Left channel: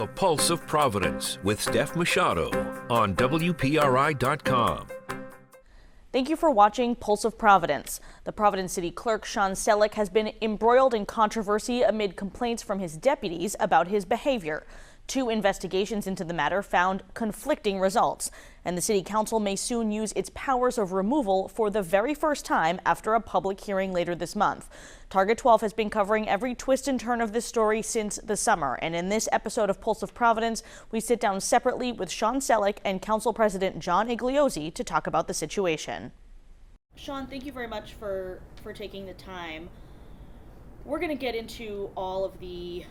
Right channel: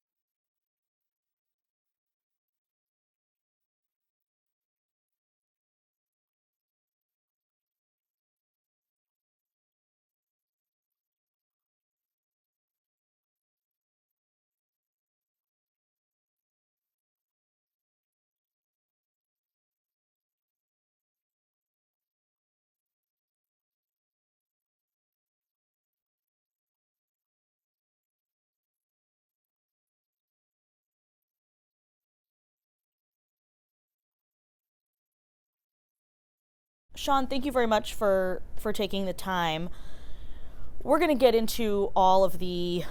The Pulse of Providence with Steph Machado on WPRI.com. Thank you for watching Pulse of Providence. The Providence City Clerk, Shawn Selleck, has been embroiled in controversy amid complaints from his deputies about his behavior. 2 investigations into the matter found conflicting results, and the City Council may soon use its powers of removal for the very first time after a public hearing later this month. Target 12 has been covering every twist and turn of this story since the summer, and in this episode of Pulse of Providence, we sit down separately with Shawn Selleck and Council President John Igliozzi to talk about the situation. Shawn, thank you very much for taking the time. We're going to get into all of the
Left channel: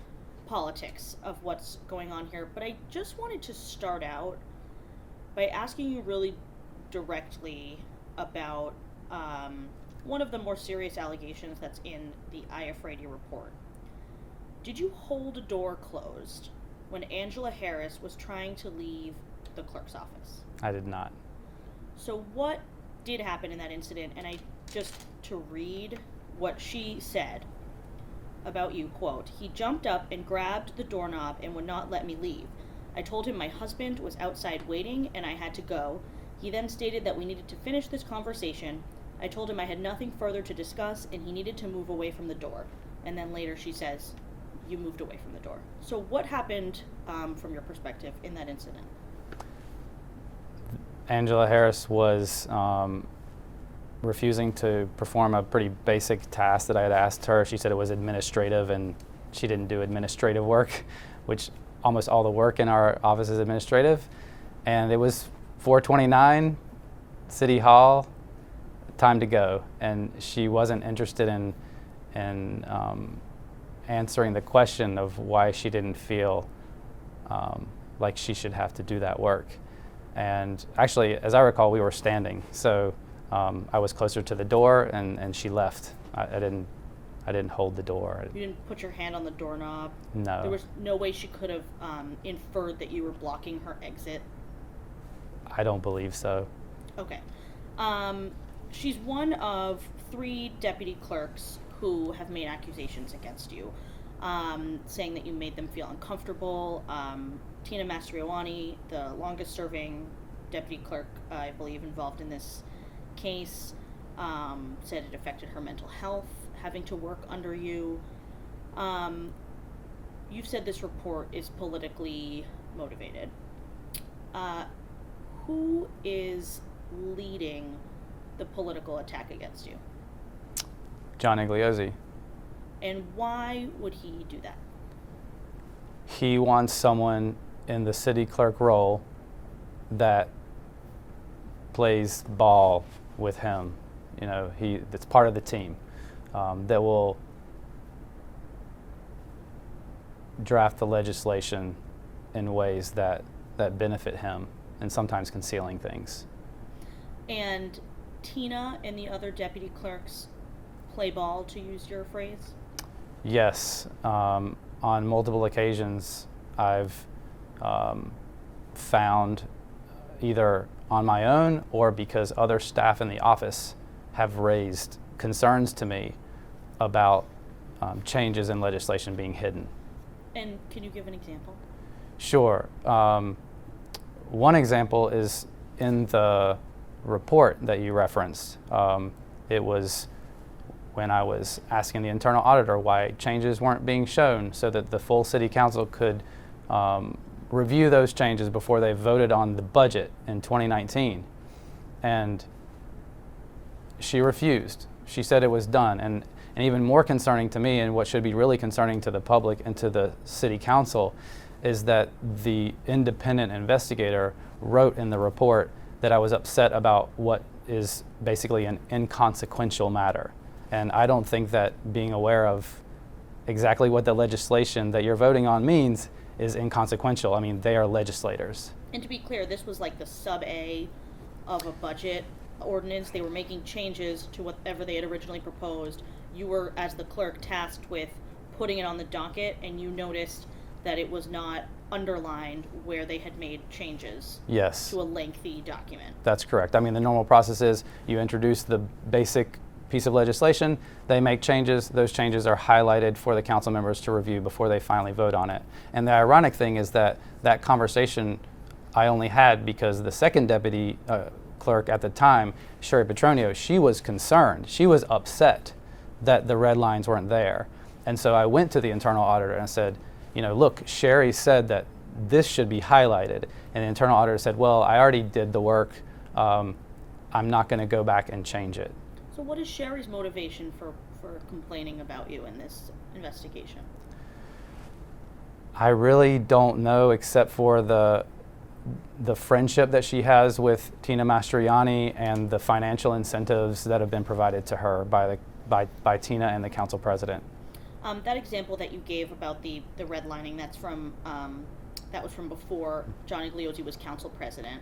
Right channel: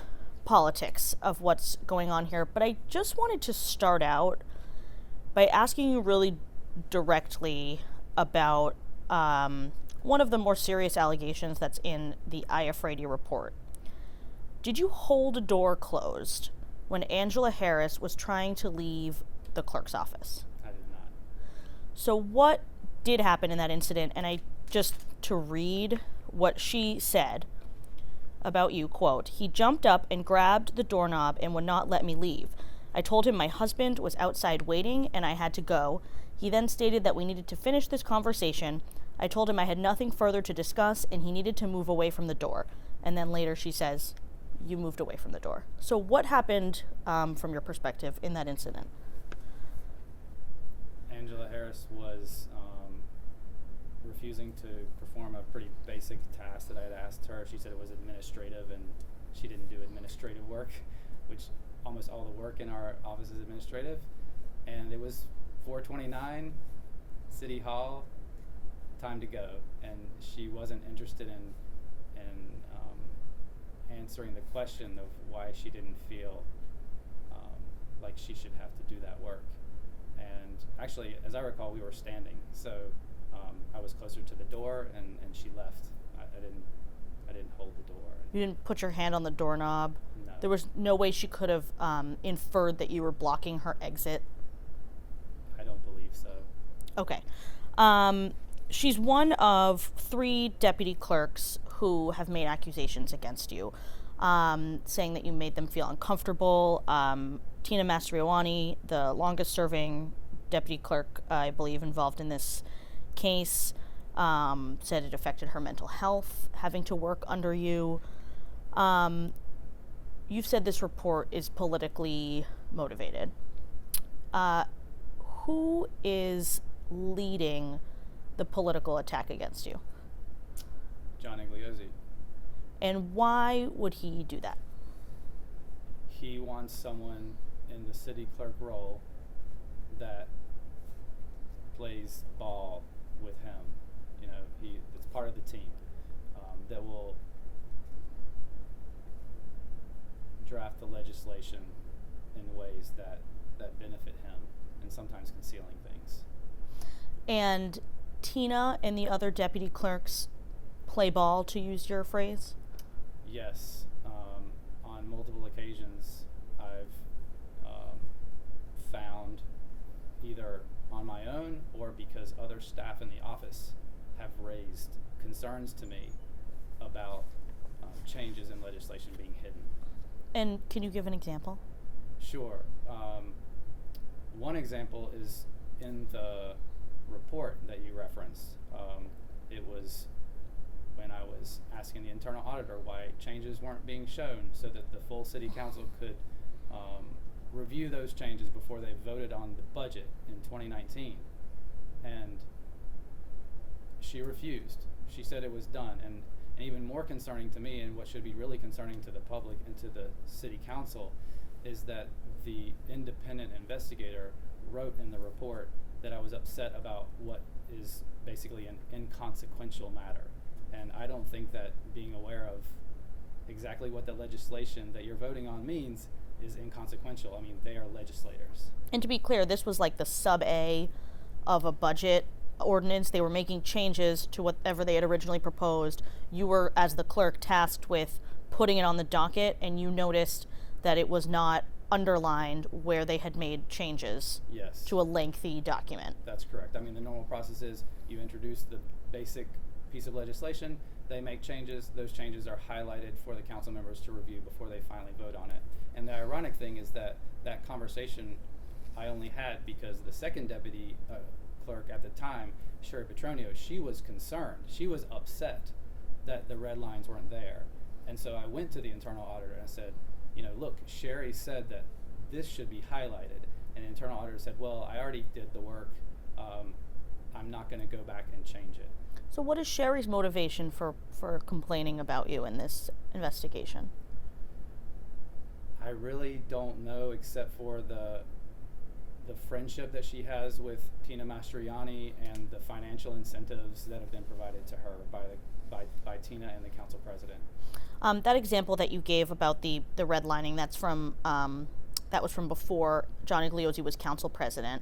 politics of what's going on here, but I just wanted to start out by asking you really directly about one of the more serious allegations that's in the IFRAD report. Did you hold a door closed when Angela Harris was trying to leave the clerk's office? I did not. So what did happen in that incident? And to read what she said about you, quote, "He jumped up and grabbed the doorknob and would not let me leave. I told him my husband was outside waiting and I had to go. He then stated that we needed to finish this conversation. I told him I had nothing further to discuss and he needed to move away from the door." And then later she says, you moved away from the door. So what happened from your perspective in that incident? Angela Harris was refusing to perform a pretty basic task that I had asked her. She said it was administrative and she didn't do administrative work, which almost all the work in our office is administrative. And it was 4:29, City Hall, time to go. And she wasn't interested in answering the question of why she didn't feel like she should have to do that work. And actually, as I recall, we were standing. So I was closer to the door and she left. I didn't hold the door. You didn't put your hand on the doorknob? No. There was no way she could have inferred that you were blocking her exit? I don't believe so. Okay. She's one of 3 deputy clerks who have made accusations against you, saying that you made them feel uncomfortable. Tina Mastriani, the longest serving deputy clerk, I believe, involved in this case, said it affected her mental health, having to work under you. You've said this report is politically motivated. Who is leading the political attack against you? John Igliozzi. And why would he do that? He wants someone in the city clerk role that plays ball with him. You know, that's part of the team that will draft the legislation in ways that benefit him and sometimes concealing things. And Tina and the other deputy clerks play ball, to use your phrase? Yes. On multiple occasions, I've found, either on my own or because other staff in the office have raised concerns to me about changes in legislation being hidden. And can you give an example? Sure. One example is in the report that you referenced. It was when I was asking the internal auditor why changes weren't being shown so that the full city council could review those changes before they voted on the budget in 2019. And she refused. She said it was done. And even more concerning to me, and what should be really concerning to the public and to the city council, is that the independent investigator wrote in the report that I was upset about what is basically an inconsequential matter. And I don't think that being aware of exactly what the legislation that you're voting on means is inconsequential. I mean, they are legislators. And to be clear, this was like the sub-A of a budget ordinance. They were making changes to whatever they had originally proposed. You were, as the clerk, tasked with putting it on the docket, and you noticed that it was not underlined where they had made changes. Yes. To a lengthy document. That's correct. I mean, the normal process is you introduce the basic piece of legislation, they make changes. Those changes are highlighted for the council members to review before they finally vote on it. And the ironic thing is that that conversation I only had because the second deputy clerk at the time, Sherry Petronio, she was concerned. She was upset that the red lines weren't there. And so I went to the internal auditor and I said, look, Sherry said that this should be highlighted. And the internal auditor said, well, I already did the work. I'm not going to go back and change it. So what is Sherry's motivation for complaining about you in this investigation? I really don't know, except for the friendship that she has with Tina Mastriani and the financial incentives that have been provided to her by Tina and the council president. That example that you gave about the redlining, that was from before John Igliozzi was council president.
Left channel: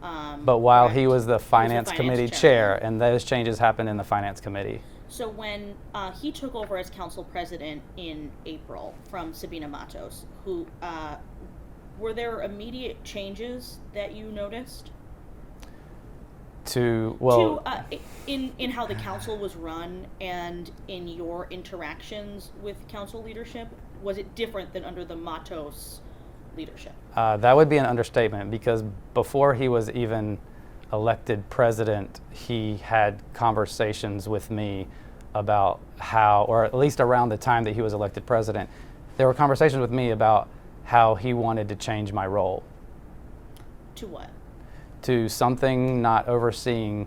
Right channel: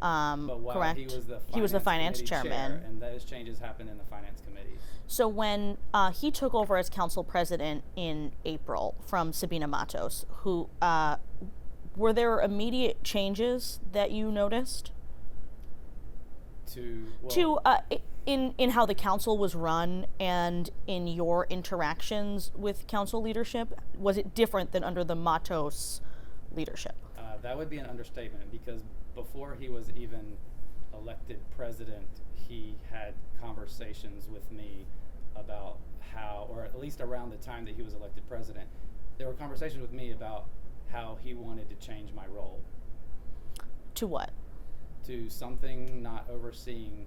But while correct? he was the finance committee chair, chairman. and those changes happened in the finance committee. So when he took over as council president in April from Sabina Matos, who were there immediate changes that you noticed? In how the council was run and in your interactions with council leadership, was it different than under the Matos leadership? That would be an understatement, because before he was even elected president, he had conversations with me about how, or at least around the time that he was elected president, there were conversations with me about how he wanted to change my role. To what? To something not overseeing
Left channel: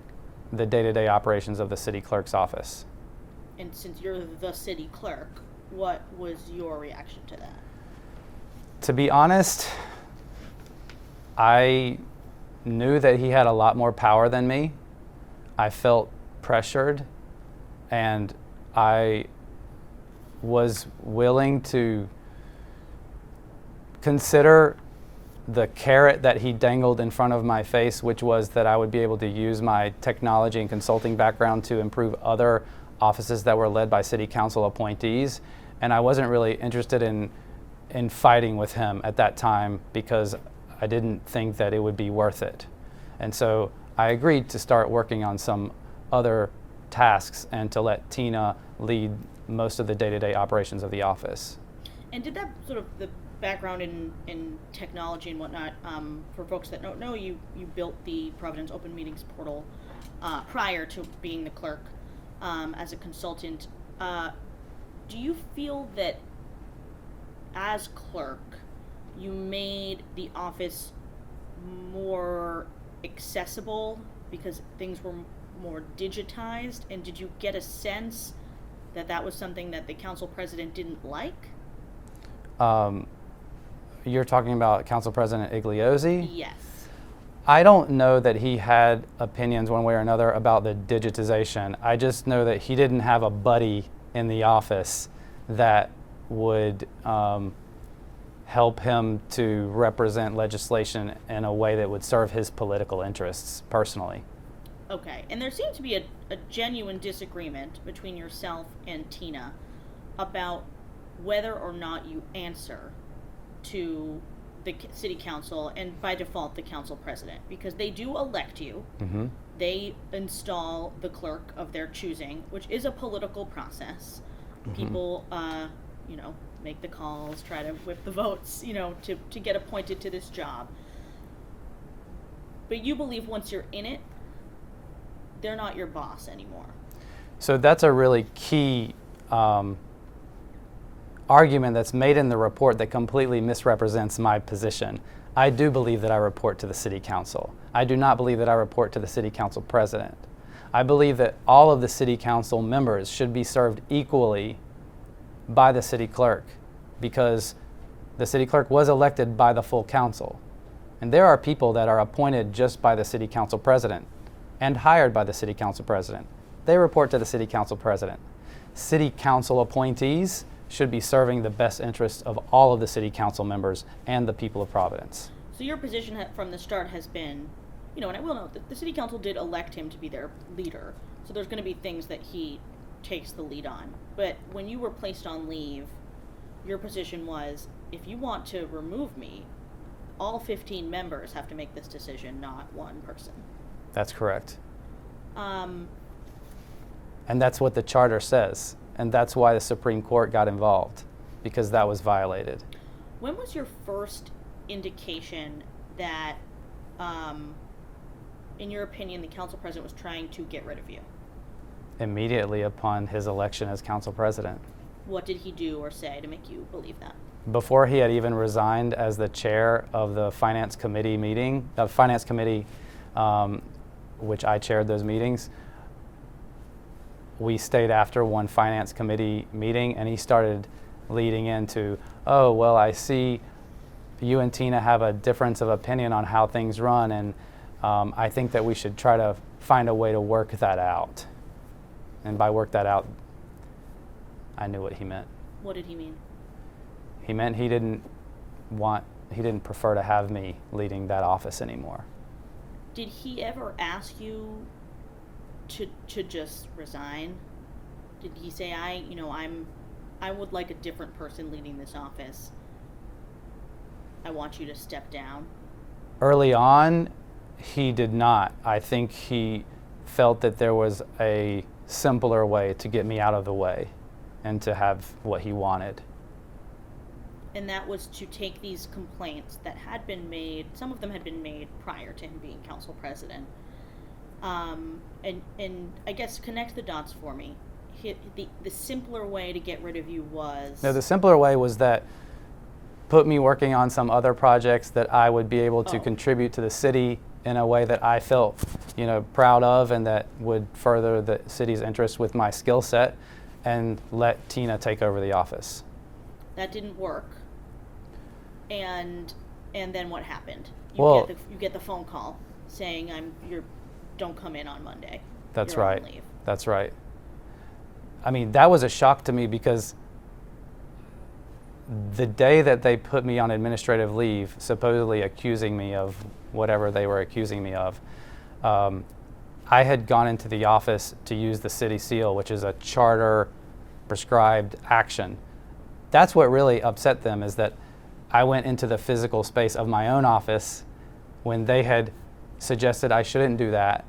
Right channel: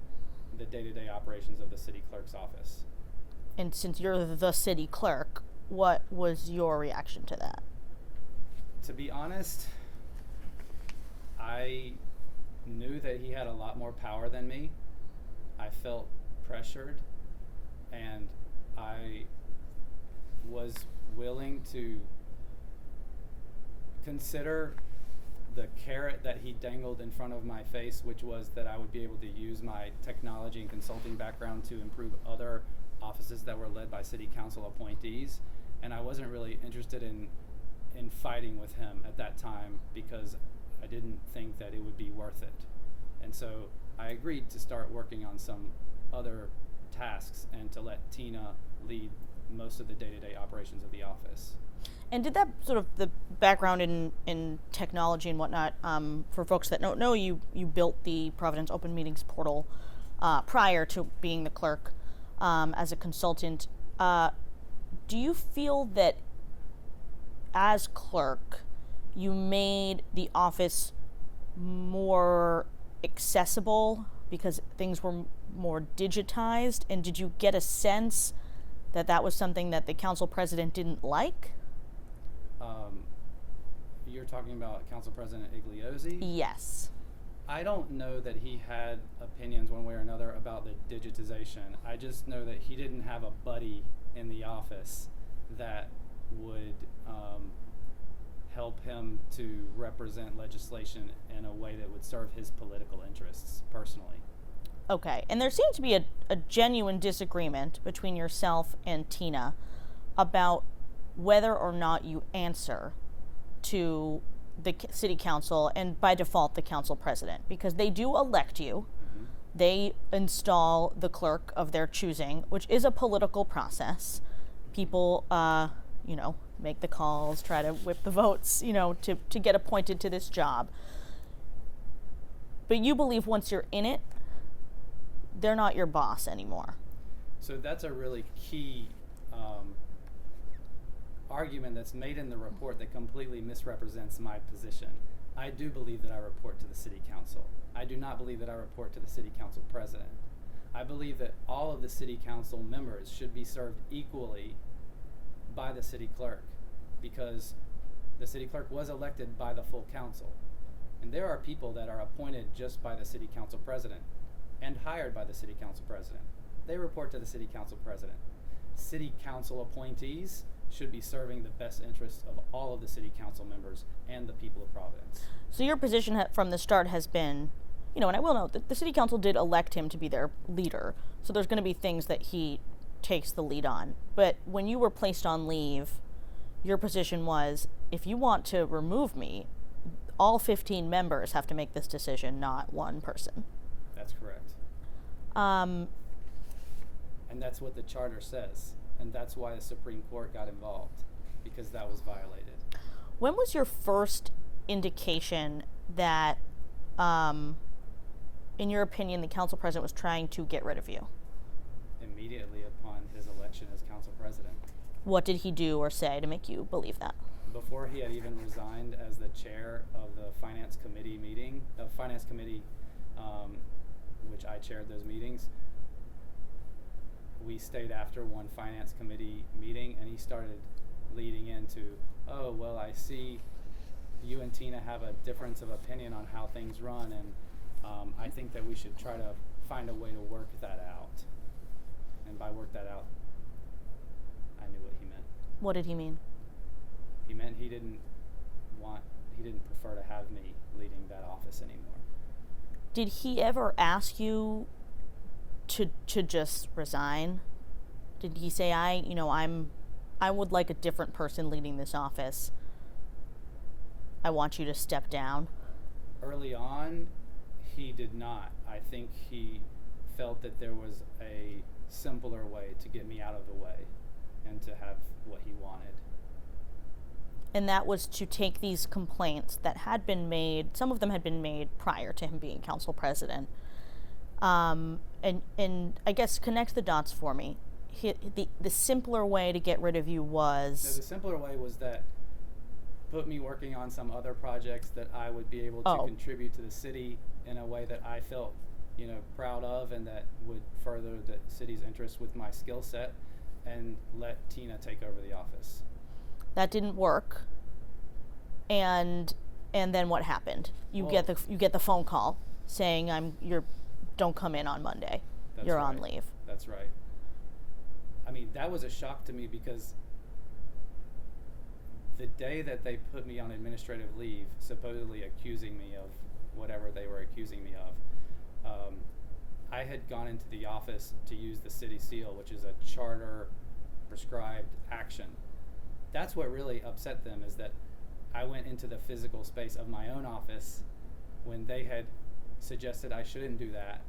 the day-to-day operations of the city clerk's office. And since you're the city clerk, what was your reaction to that? To be honest, I knew that he had a lot more power than me. I felt pressured, and I was willing to consider the carrot that he dangled in front of my face, which was that I would be able to use my technology and consulting background to improve other offices that were led by city council appointees. And I wasn't really interested in fighting with him at that time, because I didn't think that it would be worth it. And so I agreed to start working on some other tasks and to let Tina lead most of the day-to-day operations of the office. And did that sort of the background in technology and whatnot, for folks that don't know, you built the Providence Open Meetings portal prior to being the clerk as a consultant. Do you feel that as clerk, you made the office more accessible because things were more digitized? And did you get a sense that that was something that the council president didn't like? You're talking about Council President Igliozzi? Yes. I don't know that he had opinions one way or another about the digitization. I just know that he didn't have a buddy in the office that would help him to represent legislation in a way that would serve his political interests personally. Okay, and there seemed to be a genuine disagreement between yourself and Tina about whether or not you answer to the city council and by default the council president, because they do elect you. Mm-hmm. They install the clerk of their choosing, which is a political process. Mm-hmm. People, make the calls, try to whip the votes, to get appointed to this job. But you believe once you're in it, they're not your boss anymore. So that's a really key argument that's made in the report that completely misrepresents my position. I do believe that I report to the city council. I do not believe that I report to the city council president. I believe that all of the city council members should be served equally by the city clerk, because the city clerk was elected by the full council. And there are people that are appointed just by the city council president and hired by the city council president. They report to the city council president. City council appointees should be serving the best interests of all of the city council members and the people of Providence. So your position from the start has been, and I will note that the city council did elect him to be their leader, so there's going to be things that he takes the lead on. But when you were placed on leave, your position was, if you want to remove me, all 15 members have to make this decision, not one person. That's correct. And that's what the charter says. And that's why the Supreme Court got involved, because that was violated. When was your first indication that, in your opinion, the council president was trying to get rid of you? Immediately upon his election as council president. What did he do or say to make you believe that? Before he had even resigned as the chair of the finance committee meeting, which I chaired those meetings, we stayed after one finance committee meeting, and he started leading into, oh, well, I see you and Tina have a difference of opinion on how things run, and I think that we should try to find a way to work that out. And by work that out, I knew what he meant. What did he mean? He meant he didn't prefer to have me leading that office anymore. Did he ever ask you to just resign? Did he say, I would like a different person leading this office. I want you to step down? Early on, he did not. I think he felt that there was a simpler way to get me out of the way and to have what he wanted. And that was to take these complaints that had been made, some of them had been made prior to him being council president, and I guess connect the dots for me. The simpler way to get rid of you was... No, the simpler way was that put me working on some other projects that I would be able to contribute to the city in a way that I felt, proud of, and that would further the city's interest with my skill set, and let Tina take over the office. That didn't work. And then what happened? You get the phone call saying don't come in on Monday. That's You're right. on leave. That's right. I mean, that was a shock to me, because the day that they put me on administrative leave, supposedly accusing me of whatever they were accusing me of, I had gone into the office to use the city seal, which is a charter prescribed action. That's what really upset them, is that I went into the physical space of my own office when they had suggested I shouldn't do that,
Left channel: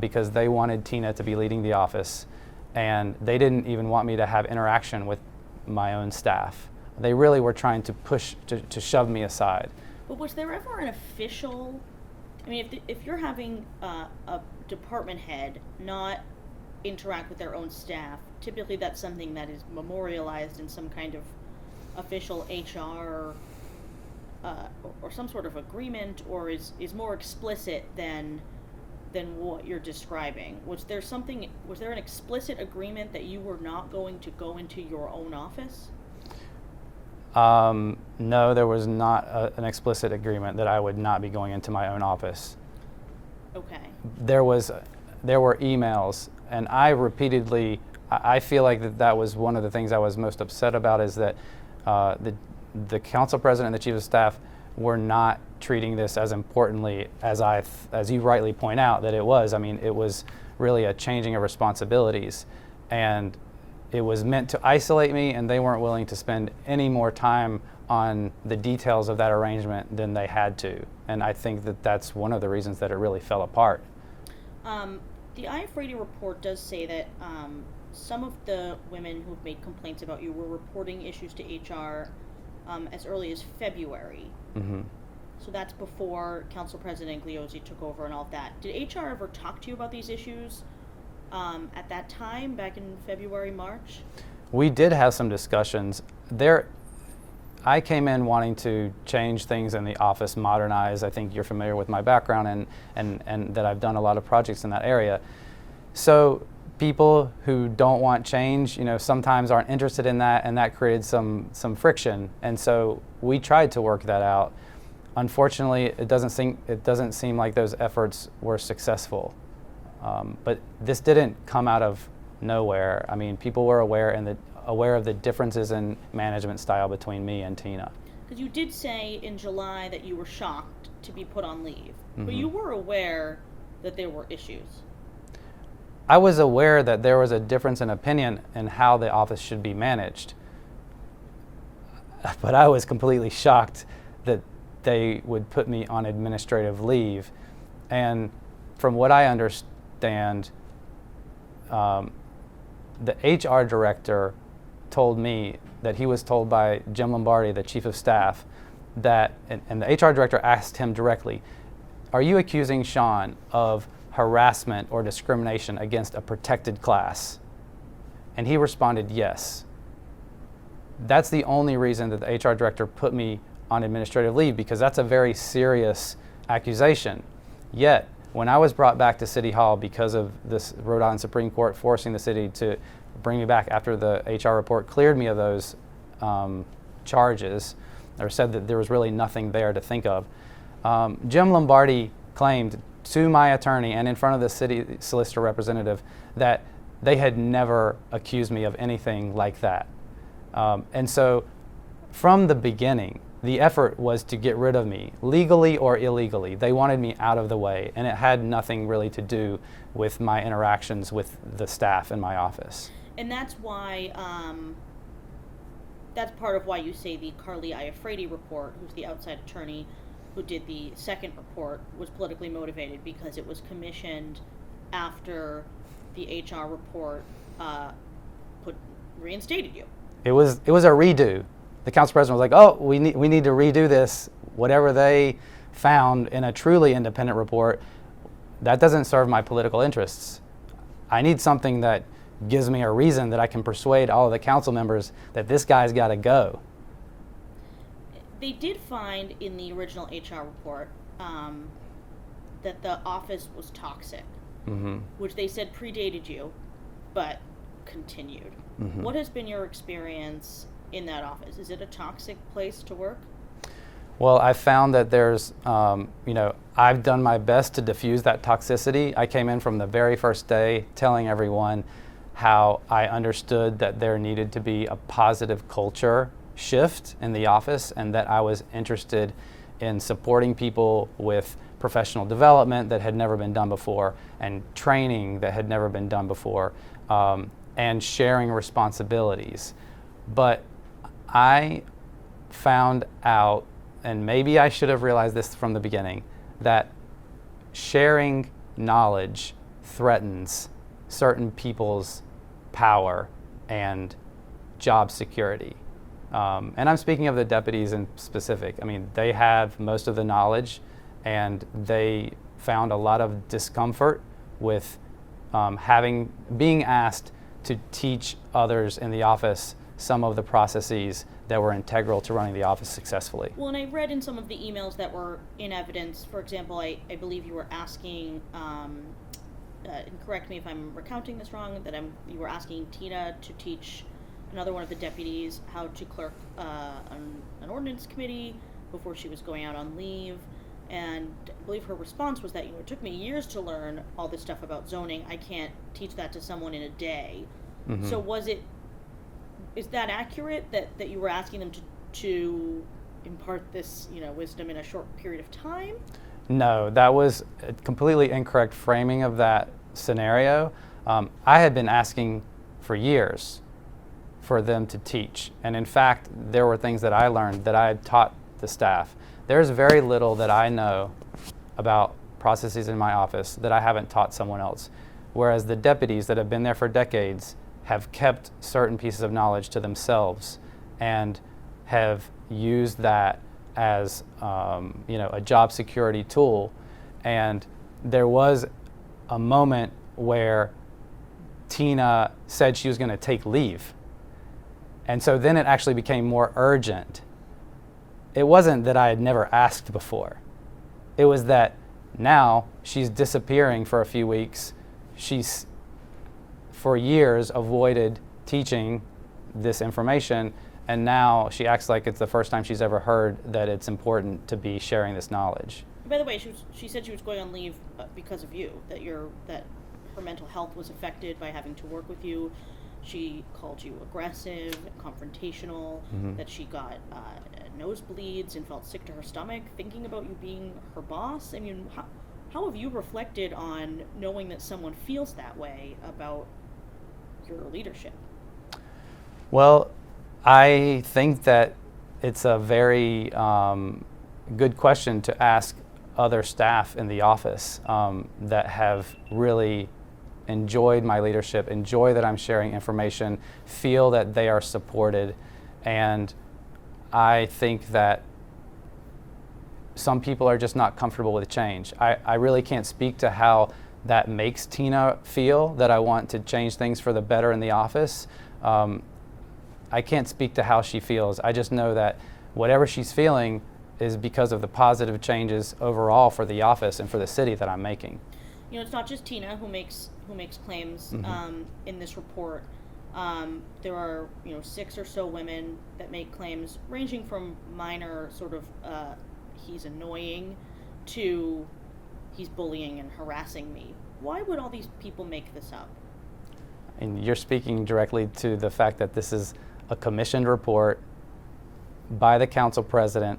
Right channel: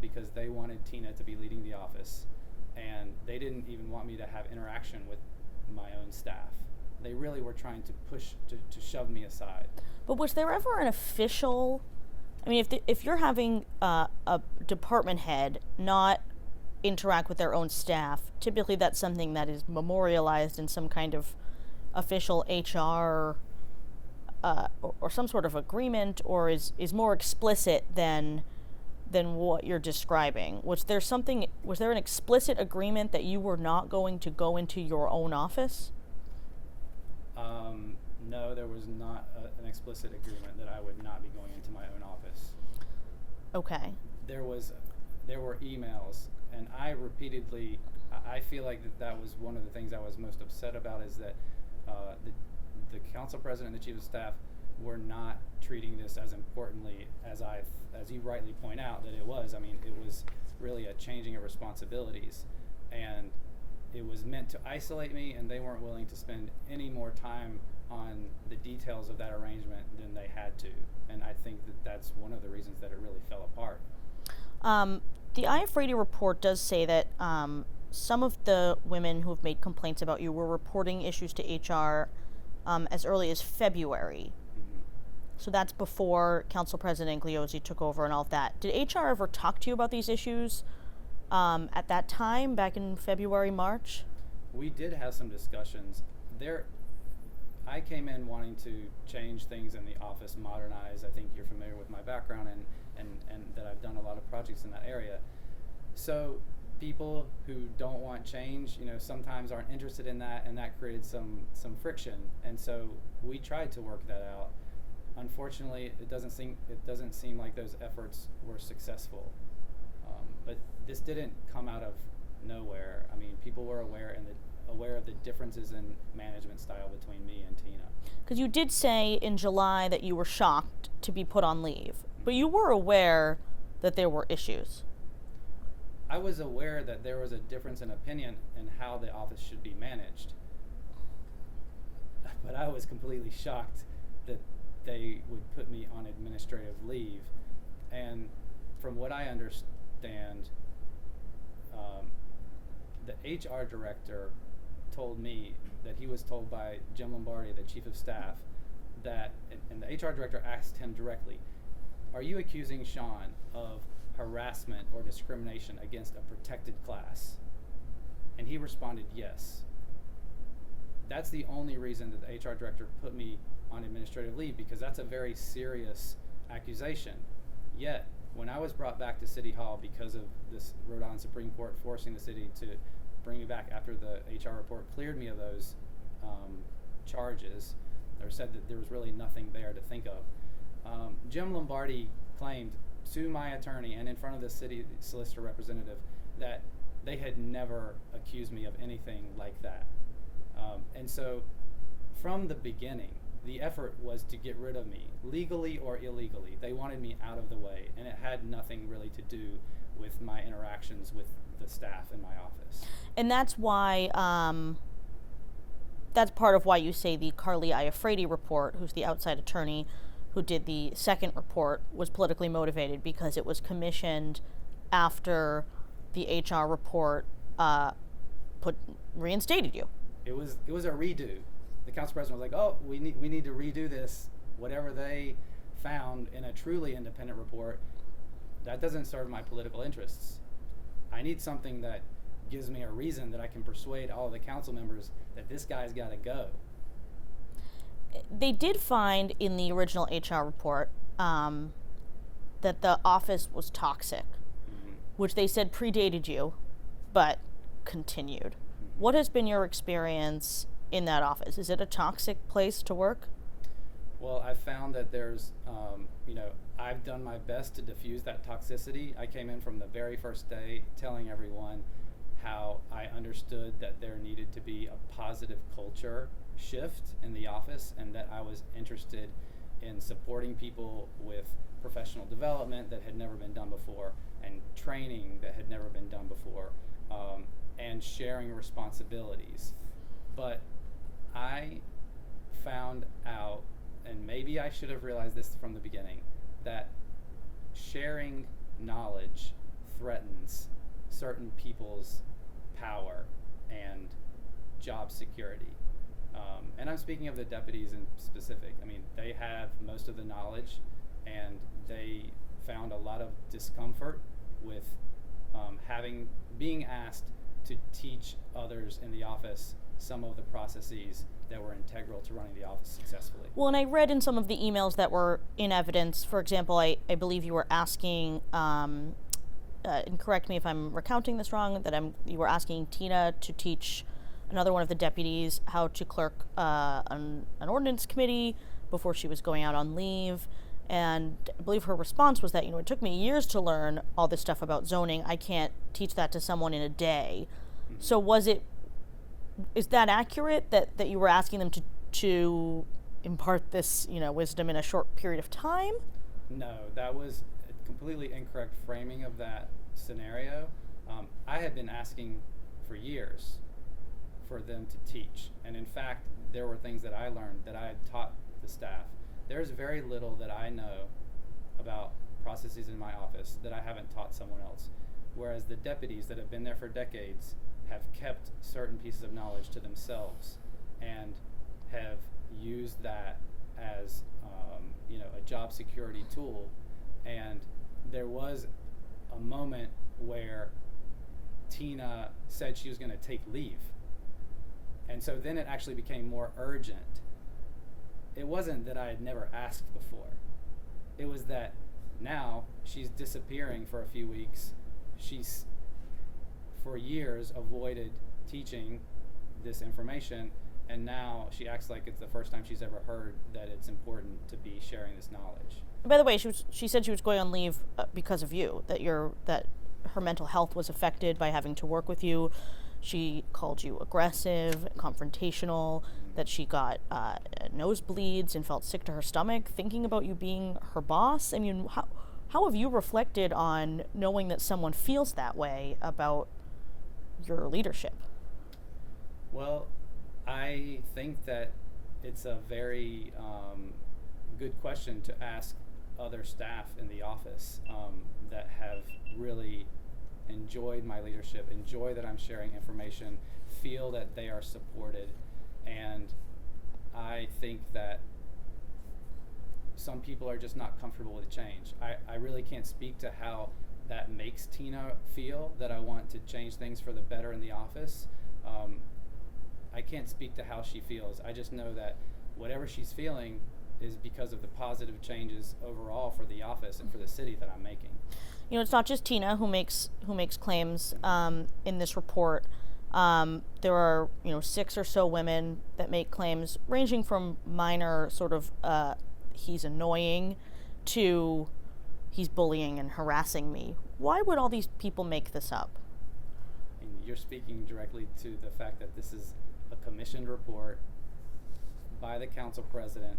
because they wanted Tina to be leading the office, and they didn't even want me to have interaction with my own staff. They really were trying to push, to shove me aside. But was there ever an official, I mean, if you're having a department head not interact with their own staff, typically that's something that is memorialized in some kind of official HR or some sort of agreement, or is more explicit than what you're describing. Was there an explicit agreement that you were not going to go into your own office? No, there was not an explicit agreement that I would not be going into my own office. Okay. There were emails, and I feel like that was one of the things I was most upset about, is that the council president and the chief of staff were not treating this as importantly as you rightly point out that it was. I mean, it was really a changing of responsibilities, and it was meant to isolate me, and they weren't willing to spend any more time on the details of that arrangement than they had to. And I think that that's one of the reasons that it really fell apart. The IF-Radio report does say that some of the women who have made complaints about you were reporting issues to HR as early as February. Mm-hmm. So that's before Council President Igliozzi took over and all of that. Did HR ever talk to you about these issues at that time, back in February, March? We did have some discussions. I came in wanting to change things in the office, modernize. I think you're familiar with my background and that I've done a lot of projects in that area. So people who don't want change, sometimes aren't interested in that, and that created some friction. And so we tried to work that out. Unfortunately, it doesn't seem like those efforts were successful. But this didn't come out of nowhere. I mean, people were aware of the differences in management style between me and Tina. Because you did say in July that you were shocked to be put on leave, Mm-hmm. but you were aware that there were issues. I was aware that there was a difference in opinion in how the office should be managed, but I was completely shocked that they would put me on administrative leave. And from what I understand, the HR director told me that he was told by Jim Lombardi, the chief of staff, that, and the HR director asked him directly, are you accusing Shawn of harassment or discrimination against a protected class? And he responded, yes. That's the only reason that the HR director put me on administrative leave, because that's a very serious accusation. Yet, when I was brought back to City Hall because of this Rhode Island Supreme Court forcing the city to bring me back after the HR report cleared me of those charges, or said that there was really nothing there to think of, Jim Lombardi claimed to my attorney and in front of the city solicitor representative that they had never accused me of anything like that. And so from the beginning, the effort was to get rid of me, legally or illegally. They wanted me out of the way, and it had nothing really to do with my interactions with the staff in my office. And that's why, that's part of why you say the Carly Iafredi report, who's the outside attorney who did the second report, was politically motivated, because it was commissioned after the HR report reinstated you. It was a redo. The council president was like, oh, we need to redo this. Whatever they found in a truly independent report, that doesn't serve my political interests. I need something that gives me a reason that I can persuade all of the council members that this guy's got to go. They did find in the original HR report that the office was toxic, which they said predated you, but continued. What has been your experience in that office? Is it a toxic place to work? Well, I found that there's, I've done my best to diffuse that toxicity. I came in from the very first day telling everyone how I understood that there needed to be a positive culture shift in the office, and that I was interested in supporting people with professional development that had never been done before, and training that had never been done before, and sharing responsibilities. But I found out, and maybe I should have realized this from the beginning, that sharing knowledge threatens certain people's power and job security. And I'm speaking of the deputies in specific. I mean, they have most of the knowledge, and they found a lot of discomfort with being asked to teach others in the office some of the processes that were integral to running the office successfully. Well, and I read in some of the emails that were in evidence, for example, I believe you were asking, and correct me if I'm recounting this wrong, that you were asking Tina to teach another one of the deputies how to clerk an ordinance committee before she was going out on leave. And I believe her response was that, it took me years to learn all this stuff about zoning. I can't teach that to someone in a day. So is that accurate, that you were asking them to impart this, wisdom in a short period of time? No, that was a completely incorrect framing of that scenario. I had been asking for years for them to teach. And in fact, there were things that I learned that I had taught the staff. There's very little that I know about processes in my office that I haven't taught someone else. Whereas the deputies that have been there for decades have kept certain pieces of knowledge to themselves and have used that as a job security tool. And there was a moment where Tina said she was going to take leave. And so then it actually became more urgent. It wasn't that I had never asked before. It was that now she's disappearing for a few weeks. She's, for years, avoided teaching this information, and now she acts like it's the first time she's ever heard that it's important to be sharing this knowledge. By the way, she said she was going on leave because of you, that her mental health was affected by having to work with you. She called you aggressive, confrontational, that she got nosebleeds and felt sick to her stomach thinking about you being her boss. And how have you reflected on knowing that someone feels that way about your leadership? Well, I think that it's a very good question to ask other staff in the office that have really enjoyed my leadership, enjoy that I'm sharing information, feel that they are supported. And I think that some people are just not comfortable with change. I really can't speak to how that makes Tina feel, that I want to change things for the better in the office. I can't speak to how she feels. I just know that whatever she's feeling is because of the positive changes overall for the office and for the city that I'm making. You know, it's not just Tina who makes claims in this report. There are 6 or so women that make claims ranging from minor sort of he's annoying to he's bullying and harassing me. Why would all these people make this up? And you're speaking directly to the fact that this is a commissioned report by the council president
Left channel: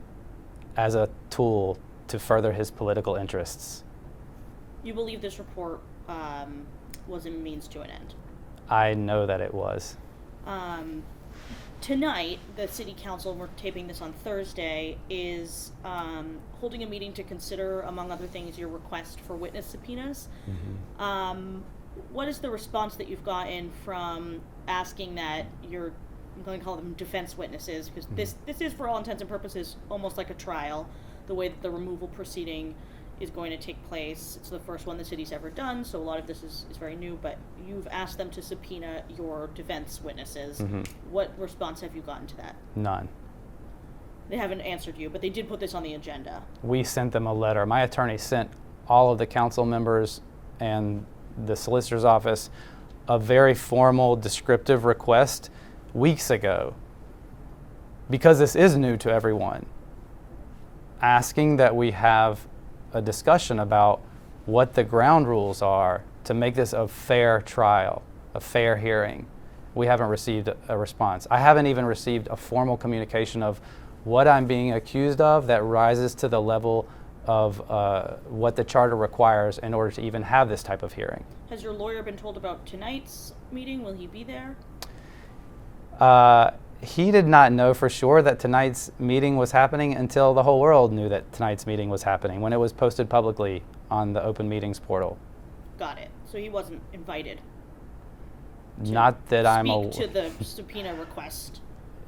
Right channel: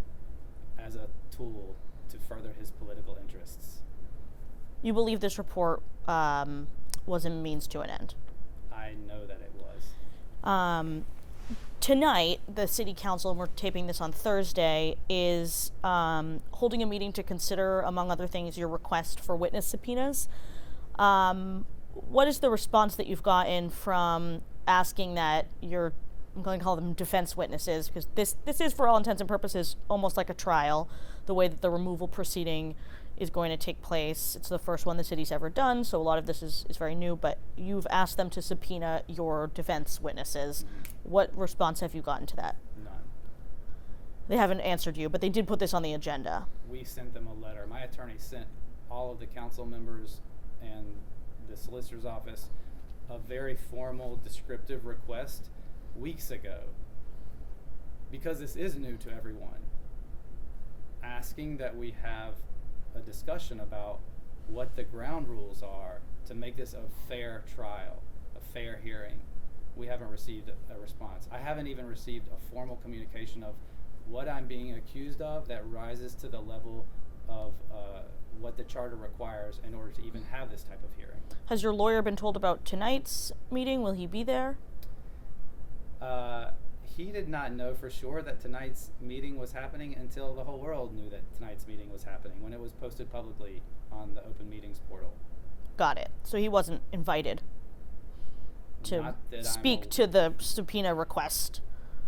as a tool to further his political interests. You believe this report was a means to an end? I know that it was. Tonight, the city council, and we're taping this on Thursday, is holding a meeting to consider, among other things, your request for witness subpoenas. What is the response that you've gotten from asking that I'm going to call them defense witnesses, because this is, for all intents and purposes, almost like a trial, the way that the removal proceeding is going to take place. It's the first one the city's ever done, so a lot of this is very new, but you've asked them to subpoena your defense witnesses. What response have you gotten to that? None. They haven't answered you, but they did put this on the agenda. We sent them a letter. My attorney sent all of the council members and the solicitor's office a very formal, descriptive request weeks ago, because this is new to everyone, asking that we have a discussion about what the ground rules are to make this a fair trial, a fair hearing. We haven't received a response. I haven't even received a formal communication of what I'm being accused of that rises to the level of what the charter requires in order to even have this type of hearing. Has your lawyer been told about tonight's meeting? Will he be there? He did not know for sure that tonight's meeting was happening until the whole world knew that tonight's meeting was happening, when it was posted publicly on the Open Meetings portal. Got it. So he wasn't invited to Not that speak to the subpoena request.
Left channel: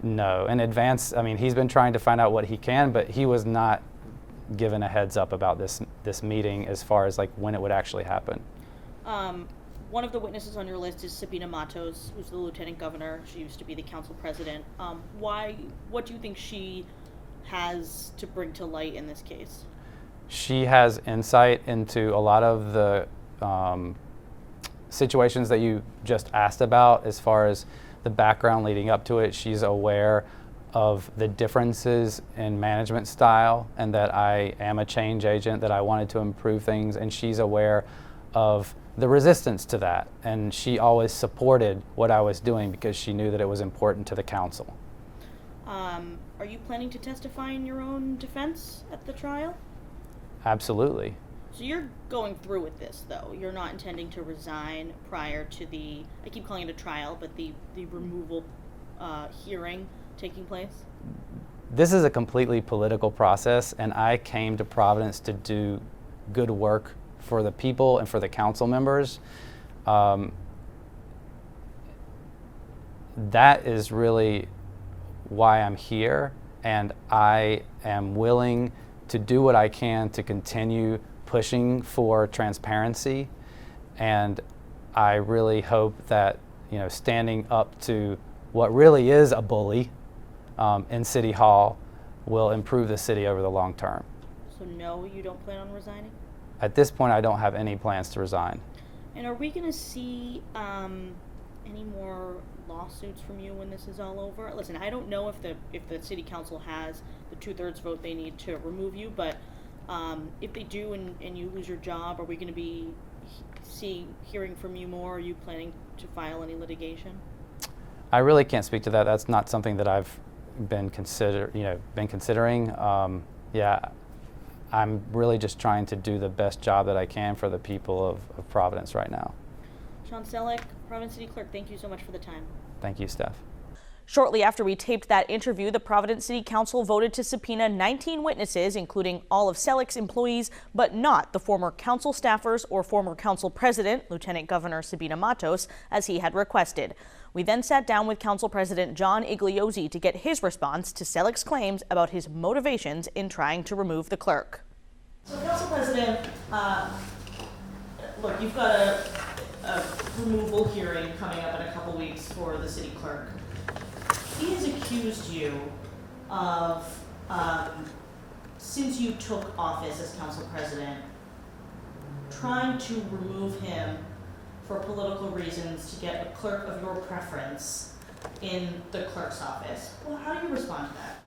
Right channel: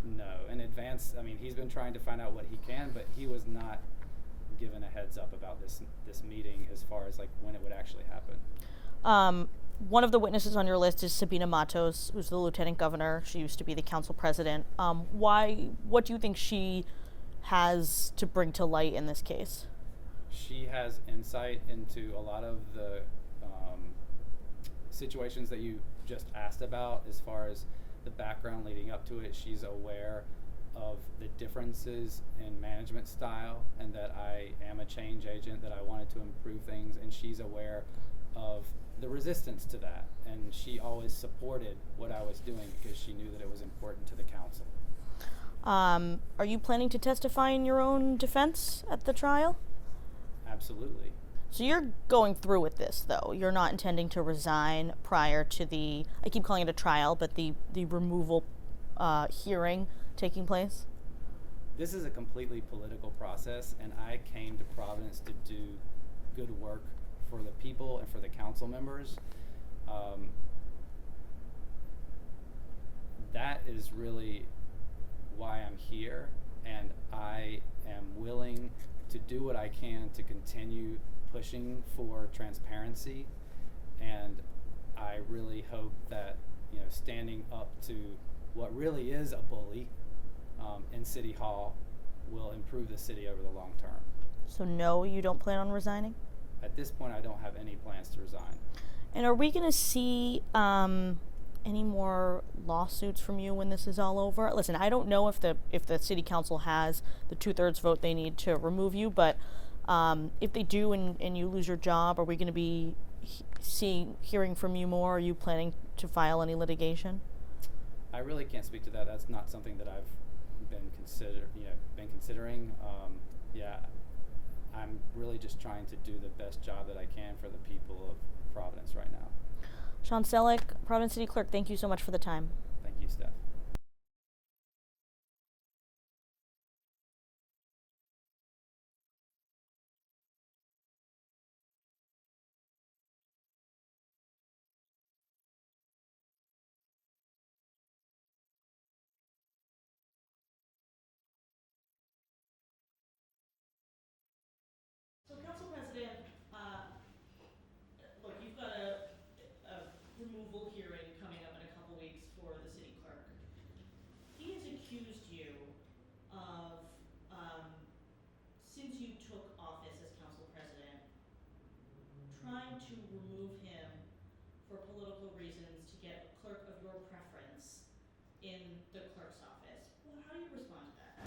No, in advance. I mean, he's been trying to find out what he can, but he was not given a heads up about this meeting as far as like when it would actually happen. One of the witnesses on your list is Sabina Matos, who's the lieutenant governor. She used to be the council president. What do you think she has to bring to light in this case? She has insight into a lot of the situations that you just asked about as far as the background leading up to it. She's aware of the differences in management style and that I am a change agent, that I wanted to improve things, and she's aware of the resistance to that, and she always supported what I was doing because she knew that it was important to the council. Are you planning to testify in your own defense at the trial? Absolutely. So you're going through with this, though. You're not intending to resign prior to the, I keep calling it a trial, but the removal hearing taking place? This is a completely political process, and I came to Providence to do good work for the people and for the council members. That is really why I'm here, and I am willing to do what I can to continue pushing for transparency, and I really hope that, you know, standing up to what really is a bully in City Hall will improve the city over the long term. So no, you don't plan on resigning? At this point, I don't have any plans to resign. And are we going to see any more lawsuits from you when this is all over? Listen, I don't know if the city council has the 2/3 vote they need to remove you, but if they do and you lose your job, are we going to be hearing from you more? Are you planning to file any litigation? I really can't speak to that. That's not something that I've been considering. Yeah. I'm really just trying to do the best job that I can for the people of Providence right now. Shawn Selleck, Providence City Clerk, thank you so much for the time. Thank you, Steph. Shortly after we taped that interview, the Providence City Council voted to subpoena 19 witnesses, including all of Selleck's employees, but not the former council staffers or former council president, Lieutenant Governor Sabina Matos, as he had requested. We then sat down with Council President John Igliozzi to get his response to Selleck's claims about his motivations in trying to remove the clerk. So, Council President, look, you've got a removal hearing coming up in a couple weeks for the city clerk. He has accused you of, since you took office as council president, trying to remove him for political reasons to get a clerk of your preference in the clerk's office. Well, how do you respond to that?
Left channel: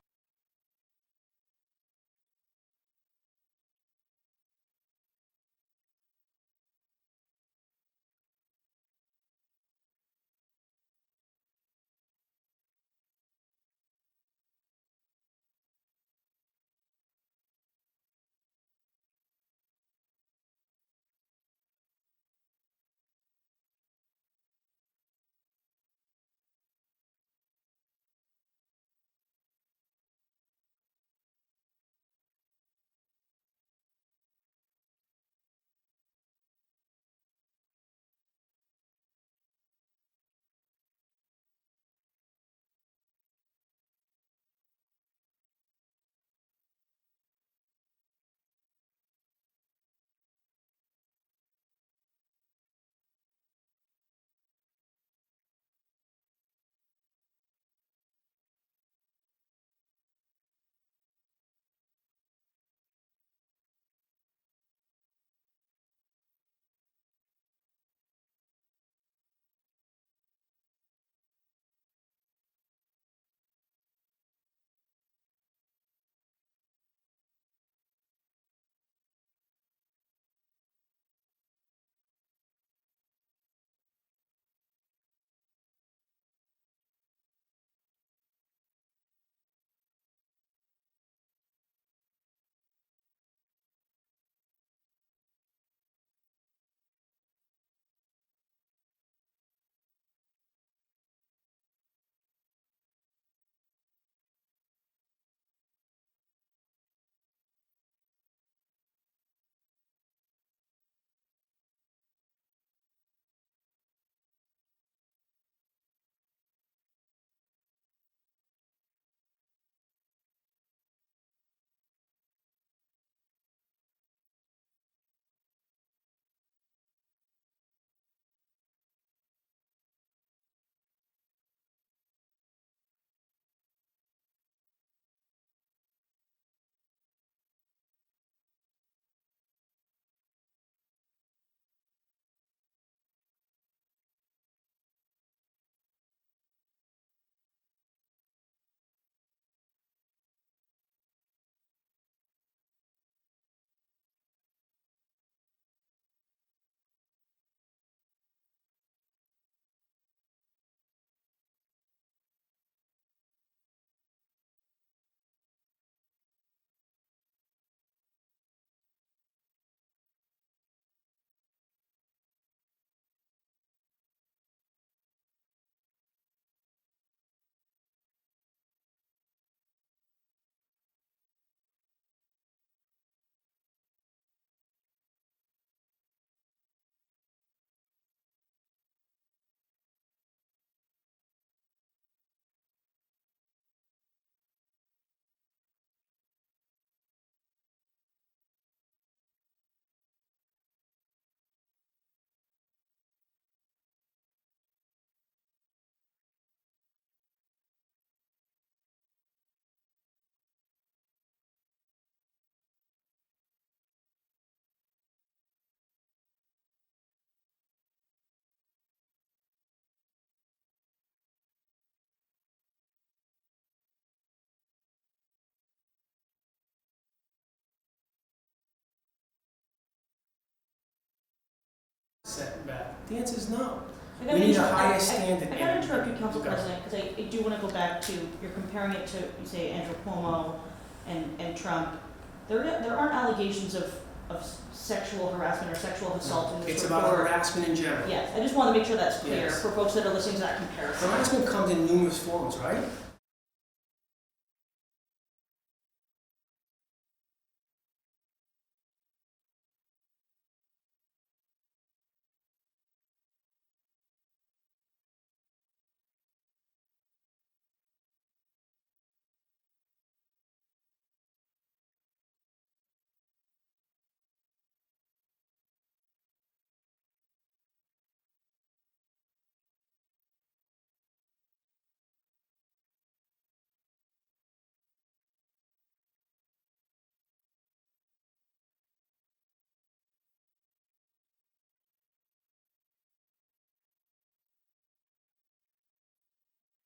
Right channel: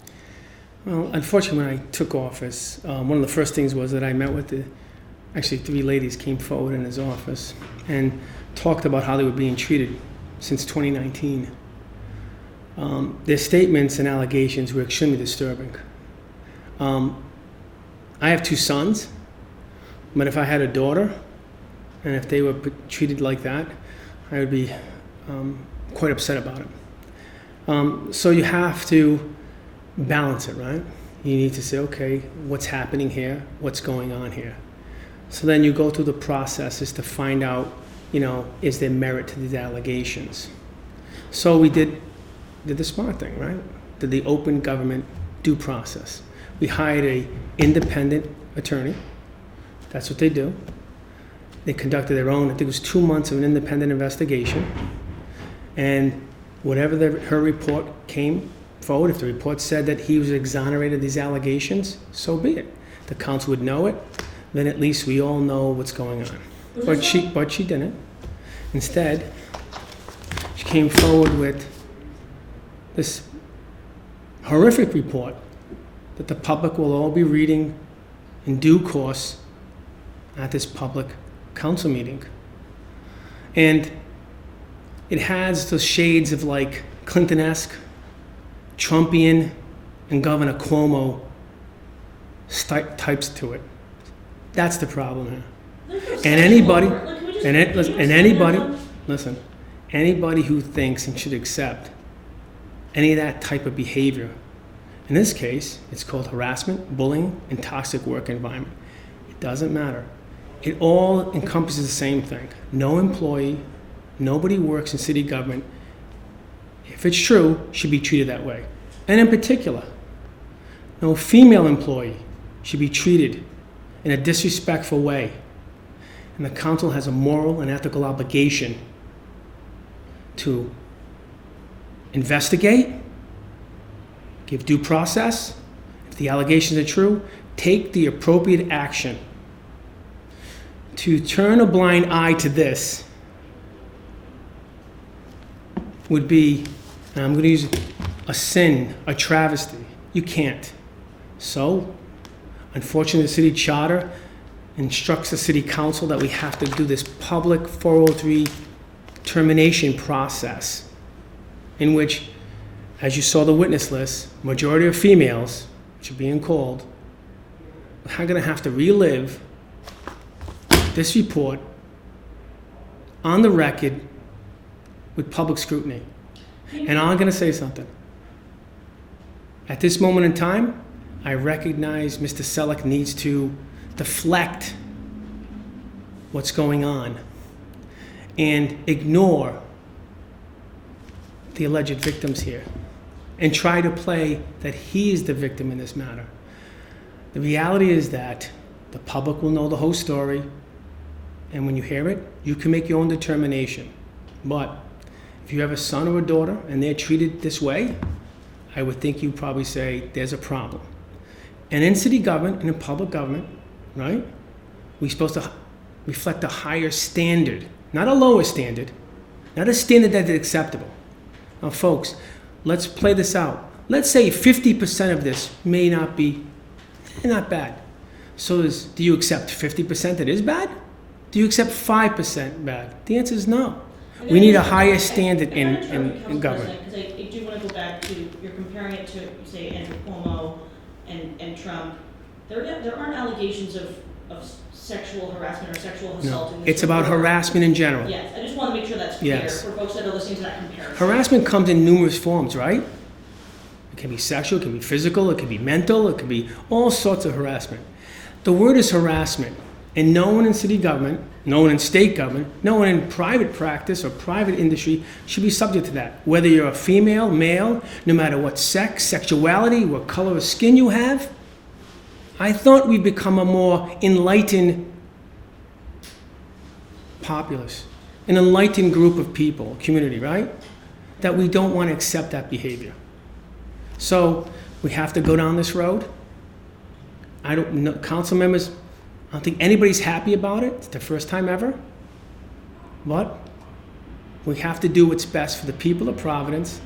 Well, unfortunately, when I took office, one of the first things was that I met with actually 3 ladies came forward in his office and talked about how they were being treated since 2019. Their statements and allegations were extremely disturbing. I have 2 sons, but if I had a daughter, and if they were treated like that, I would be quite upset about it. So you have to balance it, right? You need to say, okay, what's happening here? What's going on here? So then you go through the processes to find out, is there merit to these allegations? So we did the smart thing, right? Did the open government due process. We hired an independent attorney. That's what they do. They conducted their own, I think it was 2 months of an independent investigation. And whatever her report came forward, if the report said that he was exonerated of these allegations, so be it. The council would know it, then at least we all know what's going on. But she didn't. Instead, she came forward with this horrific report that the public will all be reading in due course at this public council meeting. And it has the shades of like Clinton-esque, Trumpian, and Governor Cuomo types to it. That's the problem here. And anybody who thinks and should accept any of that type of behavior, in this case, it's called harassment, bullying, and toxic work environment. It doesn't matter. It all encompasses the same thing. No employee, nobody works in city government, if it's true, should be treated that way. And in particular, no female employee should be treated in a disrespectful way. And the council has a moral and ethical obligation to investigate, give due process. If the allegations are true, take the appropriate action. To turn a blind eye to this would be, and I'm going to use a sin, a travesty. You can't. So, unfortunately, the city charter instructs the city council that we have to do this public 403 termination process, in which, as you saw the witness list, majority of females, which are being called, are going to have to relive this report on the record with public scrutiny. And I'm going to say something. At this moment in time, I recognize Mr. Selleck needs to deflect what's going on and ignore the alleged victims here and try to play that he is the victim in this matter. The reality is that the public will know the whole story, and when you hear it, you can make your own determination. But if you have a son or a daughter and they're treated this way, I would think you'd probably say there's a problem. And in city government and in public government, right, we're supposed to reflect a higher standard, not a lower standard, not a standard that is acceptable. Now, folks, let's play this out. Let's say 50% of this may not be, not bad. So do you accept 50% that is bad? Do you accept 5% bad? The answer is no. We need a higher standard in government. Because I do want to go back to, you're comparing it to, say, Andrew Cuomo and Trump. There aren't allegations of sexual harassment or sexual assault. No, it's about harassment in general. Yes, I just want to make sure that's clear Yes. for folks that are listening to that comparison. Harassment comes in numerous forms, right? It can be sexual, it can be physical, it can be mental, it can be all sorts of harassment. The word is harassment, and no one in city government, no one in state government, no one in private practice or private industry should be subject to that. Whether you're a female, male, no matter what sex, sexuality, what color of skin you have. I thought we'd become a more enlightened populace, an enlightened group of people, community, right? That we don't want to accept that behavior. So we have to go down this road. I don't know, council members, I don't think anybody's happy about it. It's the first time ever. But we have to do what's best for the people of Providence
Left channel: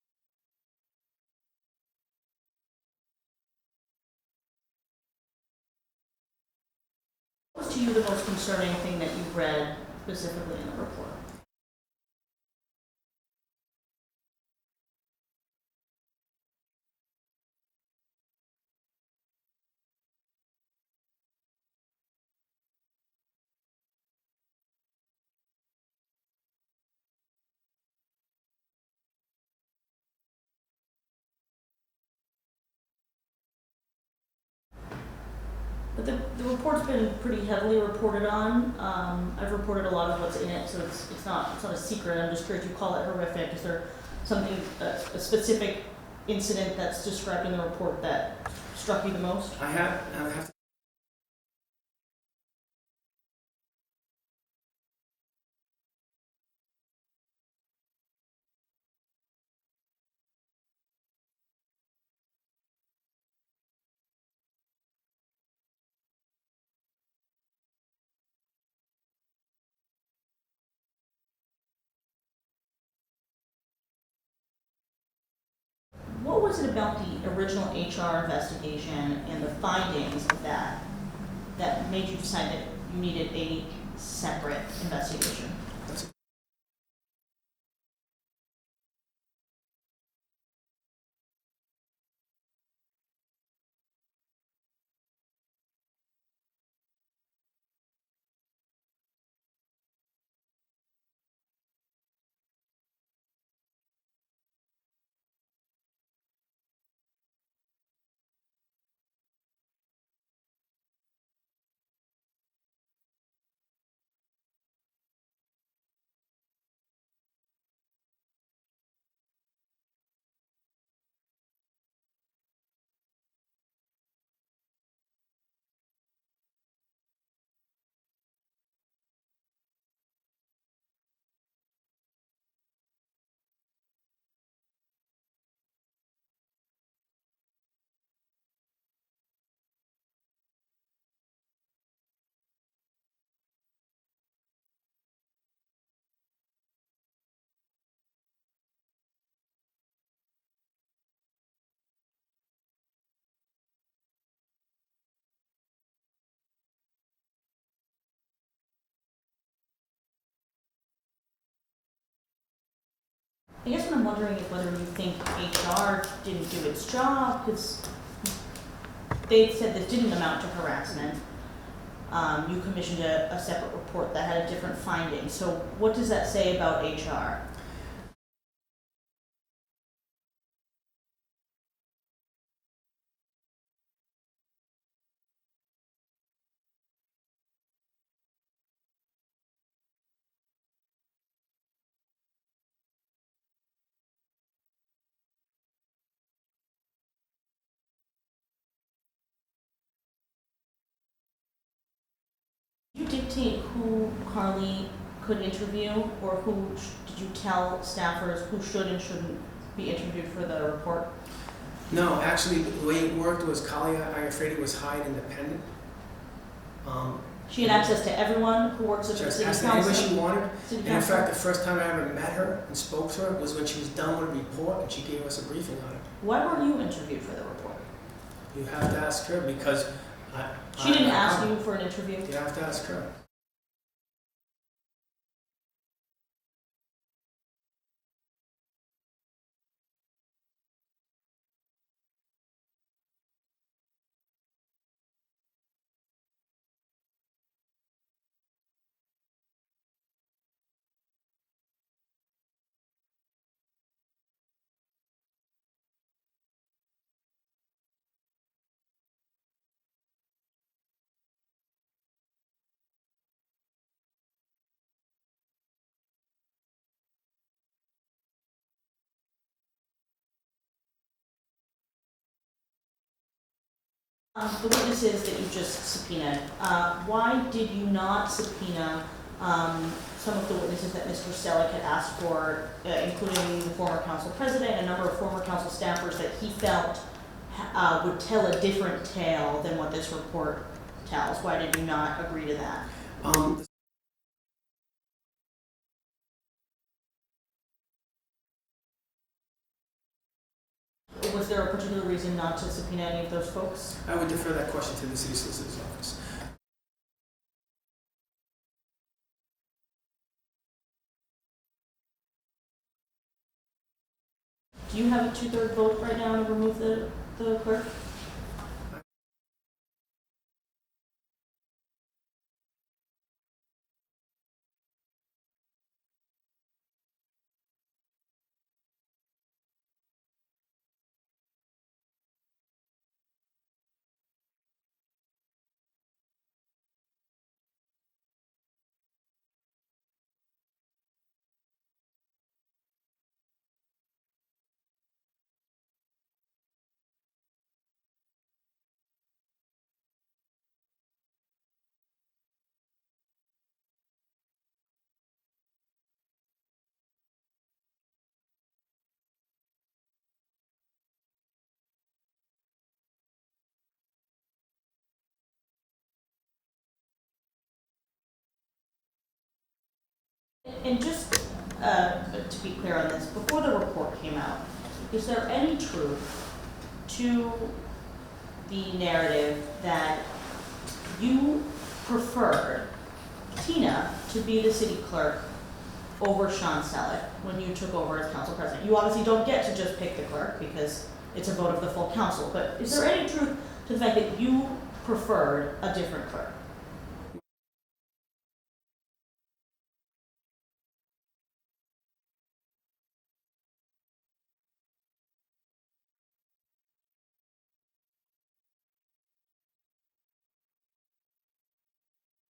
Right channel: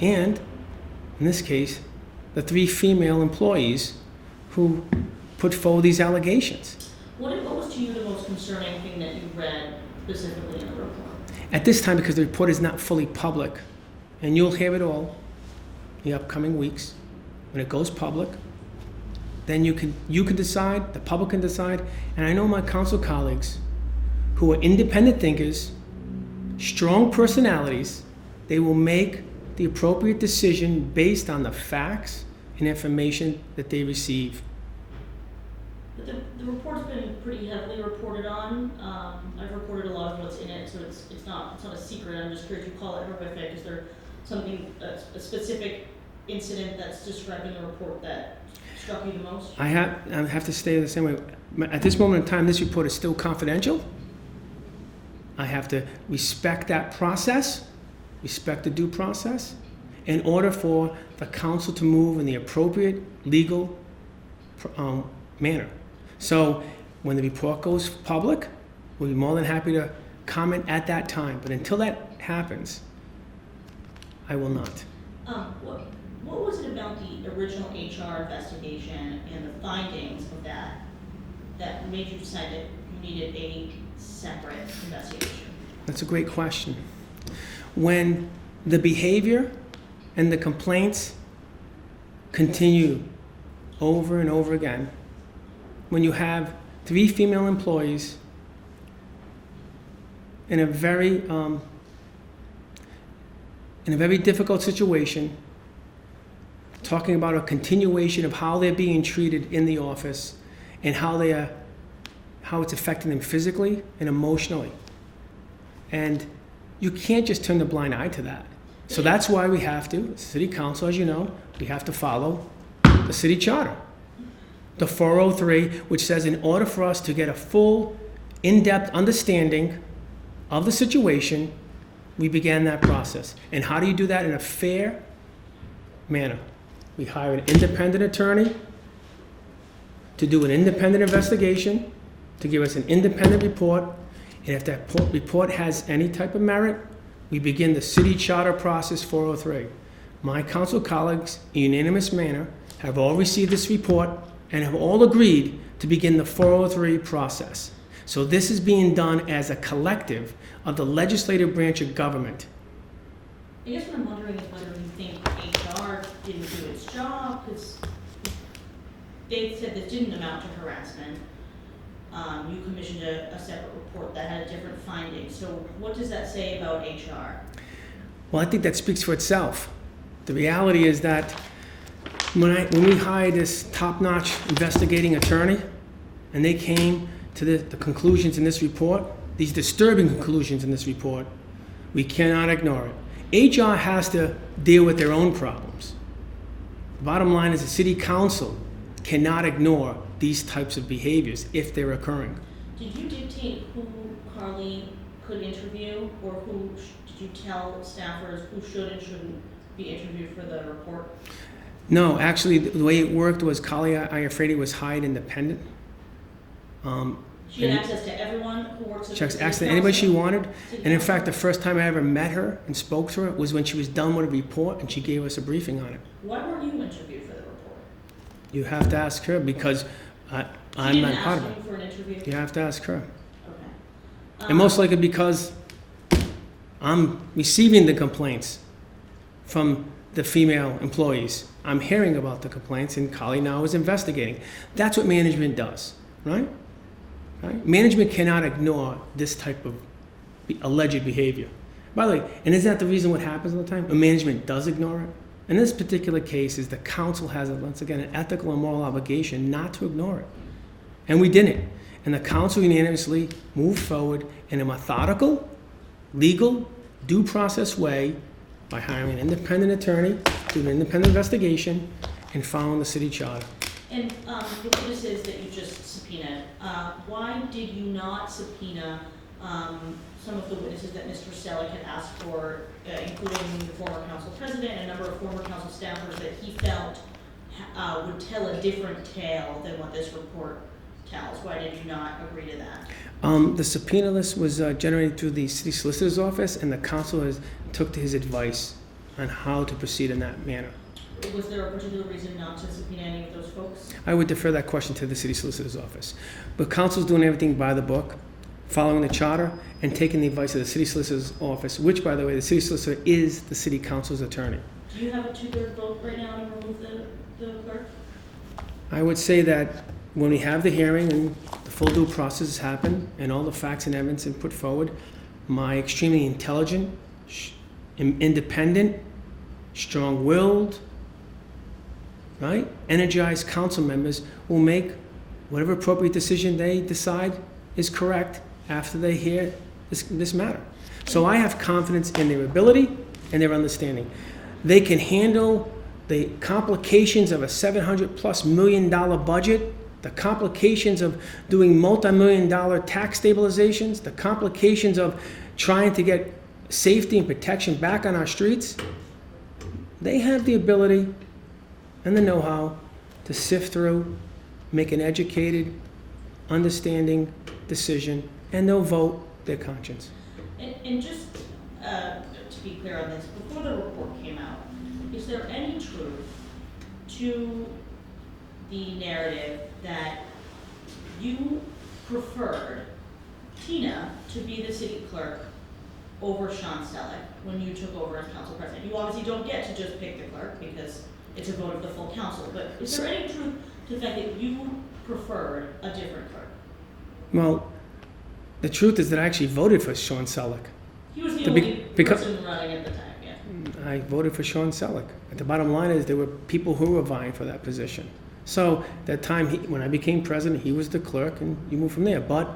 and, in this case, the 3 female employees who put forward these allegations. What was to you the most concerning thing that you read specifically in the report? At this time, because the report is not fully public, and you'll hear it all in the upcoming weeks, when it goes public, then you can decide, the public can decide, and I know my council colleagues who are independent thinkers, strong personalities, they will make the appropriate decision based on the facts and information that they receive. But the report's been pretty heavily reported on. I've reported a lot of what's in it, so it's not a secret. I'm just curious, you call it horrific. Is there something, a specific incident that's described in the report that struck you the most? I have to stay the same way. At this moment in time, this report is still confidential. I have to respect that process, respect the due process, in order for the council to move in the appropriate legal manner. So when the report goes public, we'll be more than happy to comment at that time. But until that happens, I will not. What was it about the original HR investigation and the findings of that made you decide that you needed a separate investigation? That's a great question. When the behavior and the complaints continue over and over again, when you have 3 female employees in a very difficult situation, talking about a continuation of how they're being treated in the office and how it's affecting them physically and emotionally. And you can't just turn the blind eye to that. So that's why we have to, City Council, as you know, we have to follow the city charter. The 403, which says in order for us to get a full, in-depth understanding of the situation, we began that process. And how do you do that in a fair manner? We hire an independent attorney to do an independent investigation, to give us an independent report, and if that report has any type of merit, we begin the city charter process 403. My council colleagues, in a unanimous manner, have all received this report and have all agreed to begin the 403 process. So this is being done as a collective of the legislative branch of government. I guess what I'm wondering is whether you think HR didn't do its job, because they said this didn't amount to harassment. You commissioned a separate report that had a different finding. So what does that say about HR? Well, I think that speaks for itself. The reality is that when we hired this top-notch investigating attorney, and they came to the conclusions in this report, these disturbing conclusions in this report, we cannot ignore it. HR has to deal with their own problems. The bottom line is the city council cannot ignore these types of behaviors if they're occurring. Did you dictate who Carly could interview, or did you tell staffers who should and shouldn't be interviewed for the report? No, actually, the way it worked was Carly Iafredi was hired independent. She had access to everyone who works at the city council? She asked anybody she wanted. And in fact, the first time I ever met her and spoke to her was when she was done with a report and she gave us a briefing on it. Why weren't you interviewed for the report? You have to ask her because She didn't ask you for an interview? You have to ask her. Okay. And most likely because I'm receiving the complaints from the female employees. I'm hearing about the complaints and Carly now is investigating. That's what management does, right? Right? Management cannot ignore this type of alleged behavior. By the way, and isn't that the reason what happens all the time? Management does ignore it. In this particular case, is the council has, once again, an ethical and moral obligation not to ignore it. And we didn't. And the council unanimously moved forward in a methodical, legal, due process way by hiring an independent attorney, doing an independent investigation, and following the city charter. And the witnesses that you just subpoenaed, why did you not subpoena some of the witnesses that Mr. Selleck had asked for, including the former council president and a number of former council staffers that he felt would tell a different tale than what this report tells? Why did you not agree to that? The subpoena list was generated through the city solicitor's office, and the council took to his advice on how to proceed in that manner. Was there a particular reason not to subpoena any of those folks? I would defer that question to the city solicitor's office. But council's doing everything by the book, following the charter, and taking the advice of the city solicitor's office, which, by the way, the city solicitor is the city council's attorney. Do you have a 2/3 vote right now to remove the clerk? I would say that when we have the hearing and the full due process happen and all the facts and evidence are put forward, my extremely intelligent, independent, strong-willed, right, energized council members will make whatever appropriate decision they decide is correct after they hear this matter. So I have confidence in their ability and their understanding. They can handle the complications of a $700+ million budget, the complications of doing multi-million-dollar tax stabilizations, the complications of trying to get safety and protection back on our streets. They have the ability and the know-how to sift through, make an educated, understanding decision, and they'll vote their conscience. And just to be clear on this, before the report came out, is there any truth to the narrative that you preferred Tina to be the city clerk over Shawn Selleck when you took over as council president? You obviously don't get to just pick the clerk because it's a vote of the full council, but is there any truth to the fact that you preferred a different clerk? Well, the truth is that I actually voted for Shawn Selleck. He was the only person running at the time, yeah. I voted for Shawn Selleck. But the bottom line is there were people who were vying for that position. So that time, when I became president, he was the clerk, and you move from there. But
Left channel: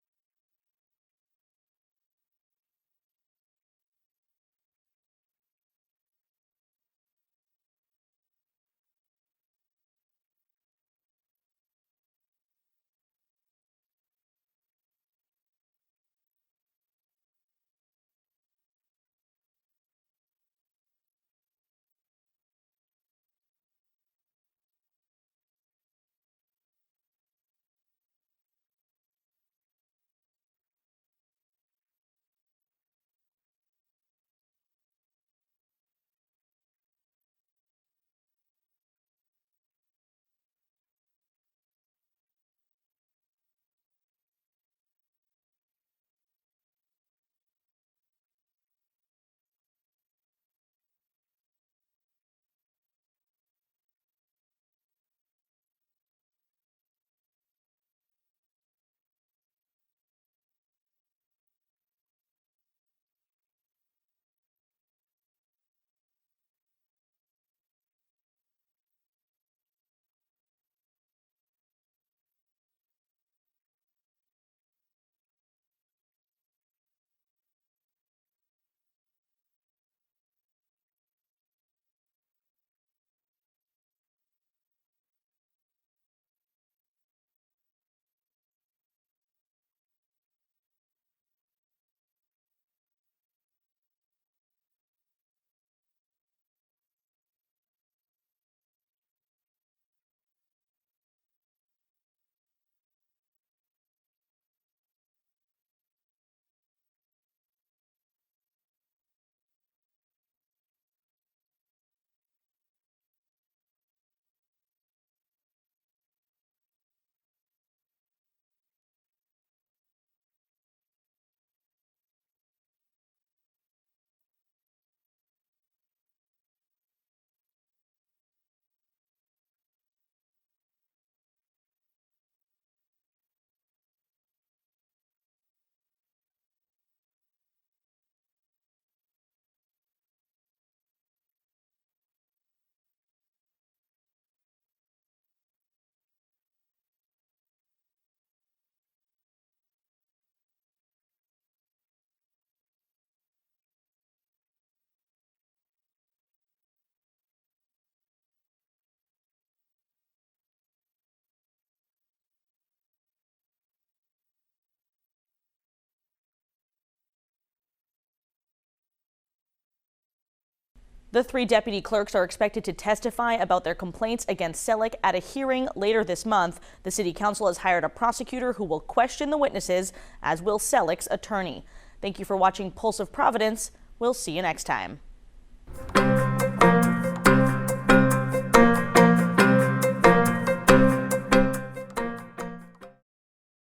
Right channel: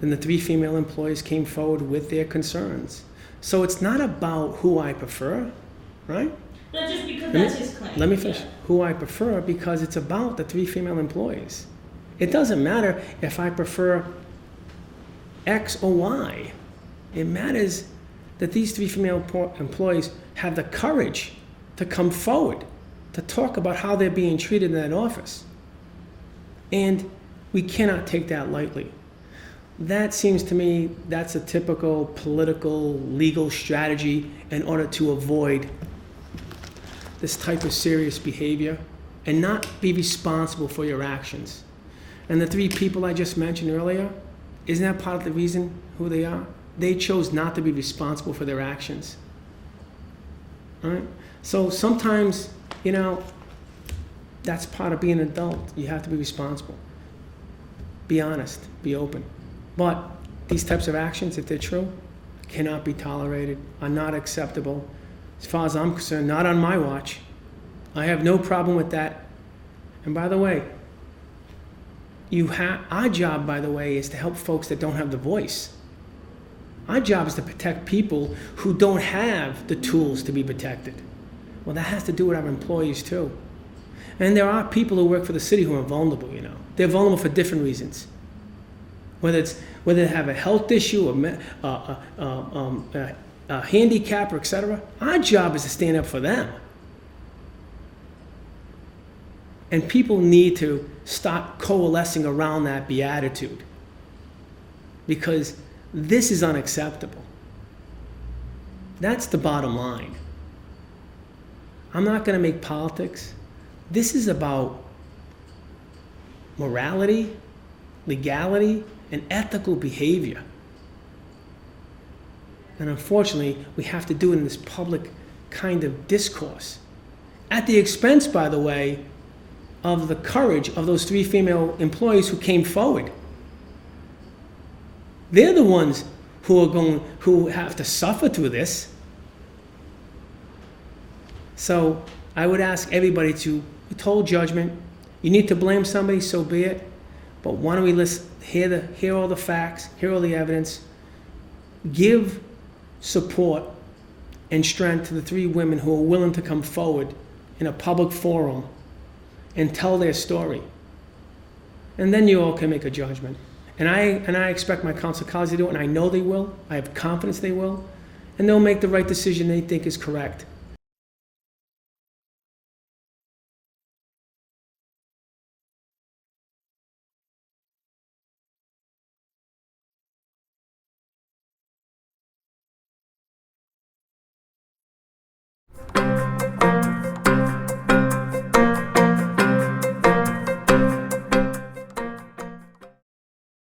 then the 3 female employees came forward with their concerns. So it's not about who I prefer, right? Not just because that's his claim. Let me finish. Yeah. Who I prefer, because it's about the 3 female employees. It doesn't matter if I prefer X or Y. It matters that these 3 female employees have the courage to come forward to talk about how they're being treated in that office. And we cannot take that lightly. That seems to me, that's a typical political, legal strategy in order to avoid this type of serious behavior and not be responsible for your actions. And the 3 people I just mentioned earlier, isn't that part of the reason who they are? They chose not to be responsible for their actions. All right? So sometimes, that's part of being an adult. You have to be responsible. Be honest, be open. But these types of actions, if they're true, cannot be tolerated, are not acceptable. As far as I'm concerned, not on my watch. I have no problem with that. And by the way, our job, by the way, is to help folks that don't have the voice. Our job is to protect people who don't have the tools to be protected. Well, that has to do with our employees too. And there are people who work for the city who are vulnerable, They're vulnerable for different reasons. Whether they have a health issue, a handicap, or etc. Our job is to stand up for them. And people need to stop coalescing around that beatitude, because this is unacceptable. That's the bottom line. I'm not going to make politics. This is about morality, legality, and ethical behavior. And unfortunately, we have to do it in this public kind of discourse. At the expense, by the way, of the courage of those 3 female employees who came forward. They're the ones who have to suffer through this. So I would ask everybody to withhold judgment. You need to blame somebody, so be it. But why don't we hear all the facts, hear all the evidence, give support and strength to the 3 women who are willing to come forward in a public forum and tell their story. And then you all can make a judgment. And I expect my council colleagues to do it, and I know they will. I have confidence they will. And they'll make the right decision they think is correct. The 3 deputy clerks are expected to testify about their complaints against Selleck at a hearing later this month. The city council has hired a prosecutor who will question the witnesses, as will Selleck's attorney. Thank you for watching Pulse of Providence. We'll see you next time.